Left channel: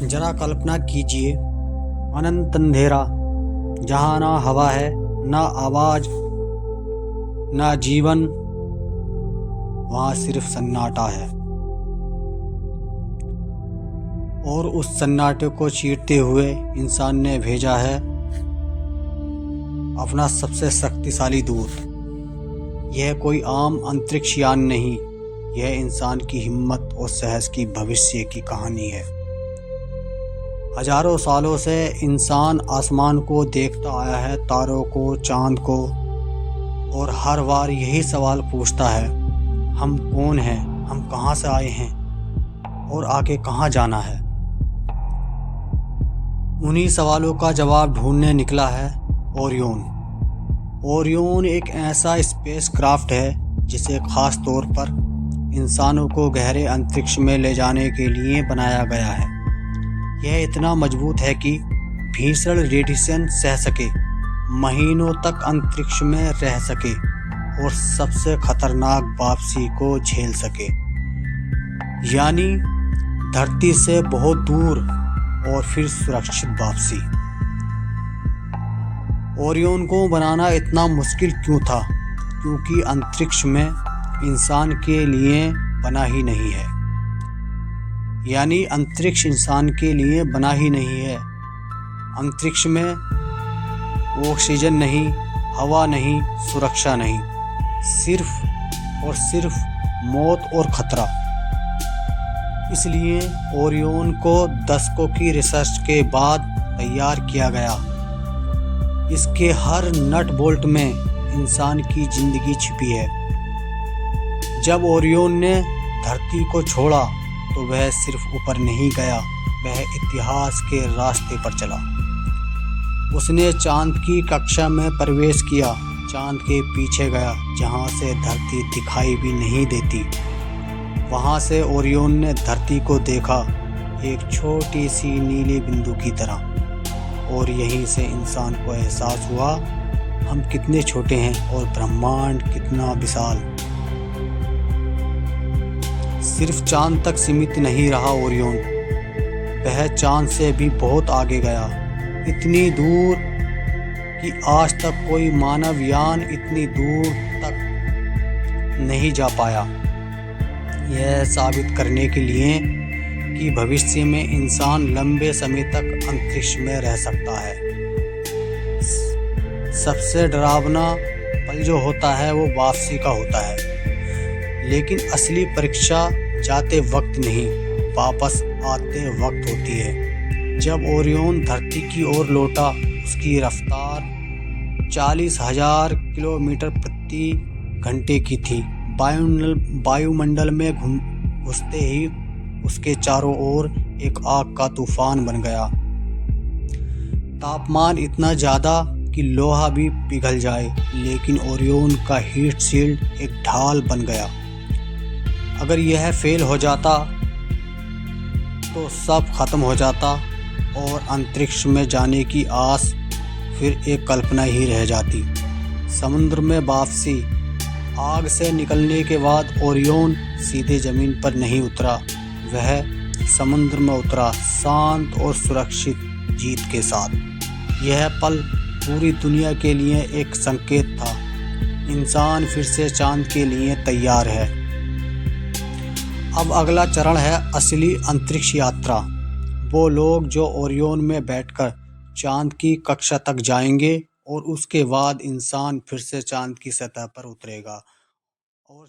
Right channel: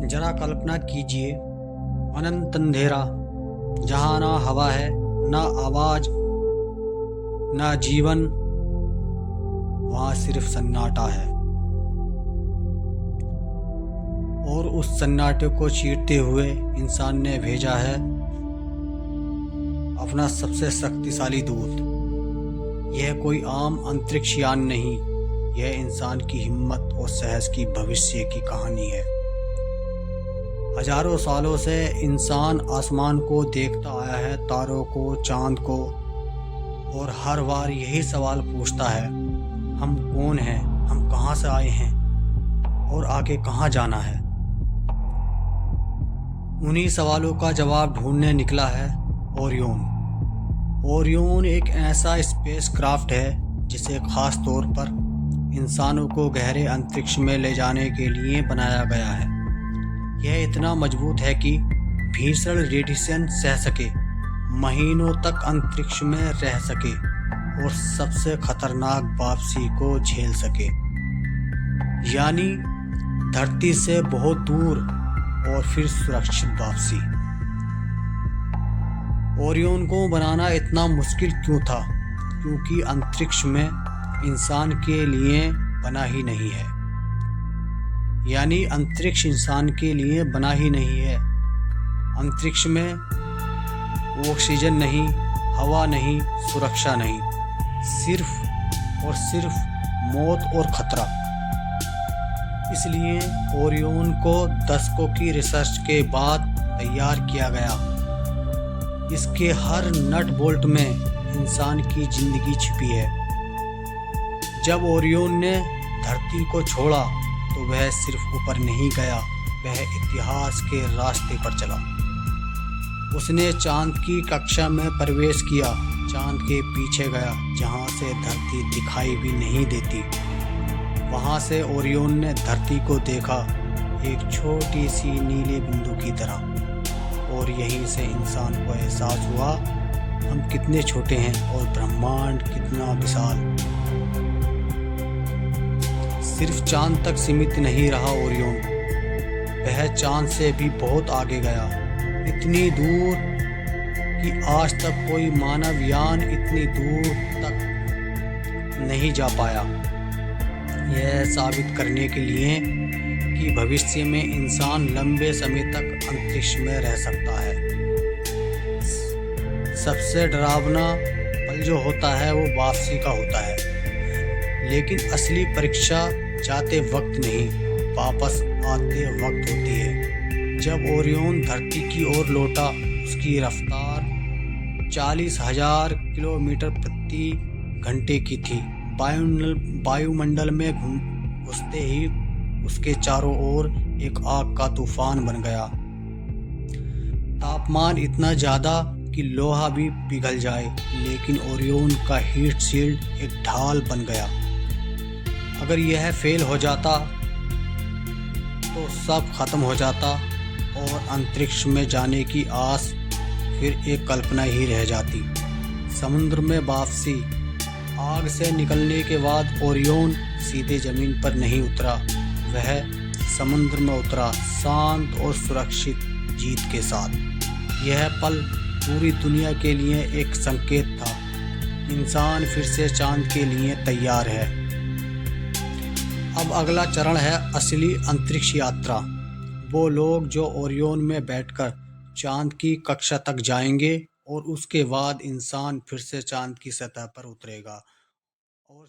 जरा कल्पना कीजिए, अनंत अंधेरा, जहाँ ना हवा है, ना आवाज, ना जीवन, वहाँ सिर्फ सन्नाटा है। और उस सन्नाटे को चीरते हुए इंसान ने भेजा है अपना सबसे शक्तिशाली दूत। यह कोई आम अंतरिक्ष यान नहीं, यह इंसान की हिम्मत और साहस की भविष्य की कहानी है। हजारों सालों से इंसान आसमान को देखता आया है, तारों को, चांद को, और हर बार यही सवाल पूछता है, हम कौन हैं, हम कहाँ से आए हैं और आगे कहाँ जाना है। उन्हीं सवालों का जवाब ढूंढने निकला है ओरियन। ओरियन एक ऐसा स्पेस क्राफ्ट है जिसे खास तौर पर इंसानों को गहरे अंतरिक्ष में ले जाने के लिए बनाया गया है। यह इतना मजबूत है कि भीषण रेडिएशन सह सके, महीनों तक अंतरिक्ष में रह सके और सबसे खतरनाक वापसी को झेल सके, यानी धरती से बहुत दूर और फिर सुरक्षित वापसी। ओरियन को बनाना इतना मुश्किल क्यों था? क्योंकि अंतरिक्ष में इंसान के लिए बना ही नहीं है, यानी अंतरिक्ष इंसान के लिए बना ही नहीं है। अंतरिक्ष में ऑक्सीजन नहीं, हवा नहीं, सुरक्षा नहीं, सिर्फ और सिर्फ मौत और खतरा। इसलिए ओरियन को दशकों की रिसर्च के बाद तैयार किया गया। इसके हर नट बोल्ट में इंसान की जिंदगी छिपी है। जब ओरियन ने धरती को छोड़ा तो वह सिर्फ ऊपर नहीं गया, वह इतिहास के रास्ते पर चला। उसने चांद की कक्षा में प्रवेश किया, चांद के पीछे गया जहां से धरती दिखाई भी नहीं देती। वहां से ओरियन ने धरती को देखा, एक छोटी सी नीले बिंदु की तरह, और यहीं से इंसान को एहसास हुआ हम कितने छोटे हैं और ब्रह्मांड कितना विशाल। सिर्फ चांद तक सीमित नहीं रहा ओरियन, वह चांद से भी बहुत आगे गया, इतनी दूर कि आज तक कोई मानव यान इतनी दूर तक नहीं जा पाया। यह साबित करने के लिए कि भविष्य में इंसान लंबे समय तक अंतरिक्ष में रह सकता है। सबसे डरावना पल जो होता है वो वापसी का होता है, लेकिन असली परीक्षा जाते वक्त नहीं, वापस आते वक्त होती है। जब ओरियन धरती की ओर लौटा, उसकी रफ्तार 40,000 किलोमीटर प्रति घंटे की थी। वायुमंडल में घुसते ही उसके चारों ओर एक आग का तूफान बन गया। तापमान इतना ज़्यादा कि लोहा भी पिघल जाए, लेकिन ओरियन का हीट शील्ड एक ढाल बन गया। अगर यह फेल हो जाता तो सब खत्म हो जाता और अंतरिक्ष में जाने की आस फिर एक कल्पना ही रह जाती। समुद्र में वापसी। आग से निकलने के बाद ओरियन सीधे जमीन पर नहीं उतरा, वह समुद्र में उतरा, शांत और सुरक्षित जीत के साथ। यह पल पूरी दुनिया के लिए एक संकेत था, इंसान फिर से चांद के लिए तैयार है। अब अगला चरण है असली अंतरिक्ष यात्रा। वो लोग जो ओरियन में बैठकर चांद की कक्षा तक जाएंगे और उसके बाद इंसान फिर से चांद की सतह पर उतरेगा और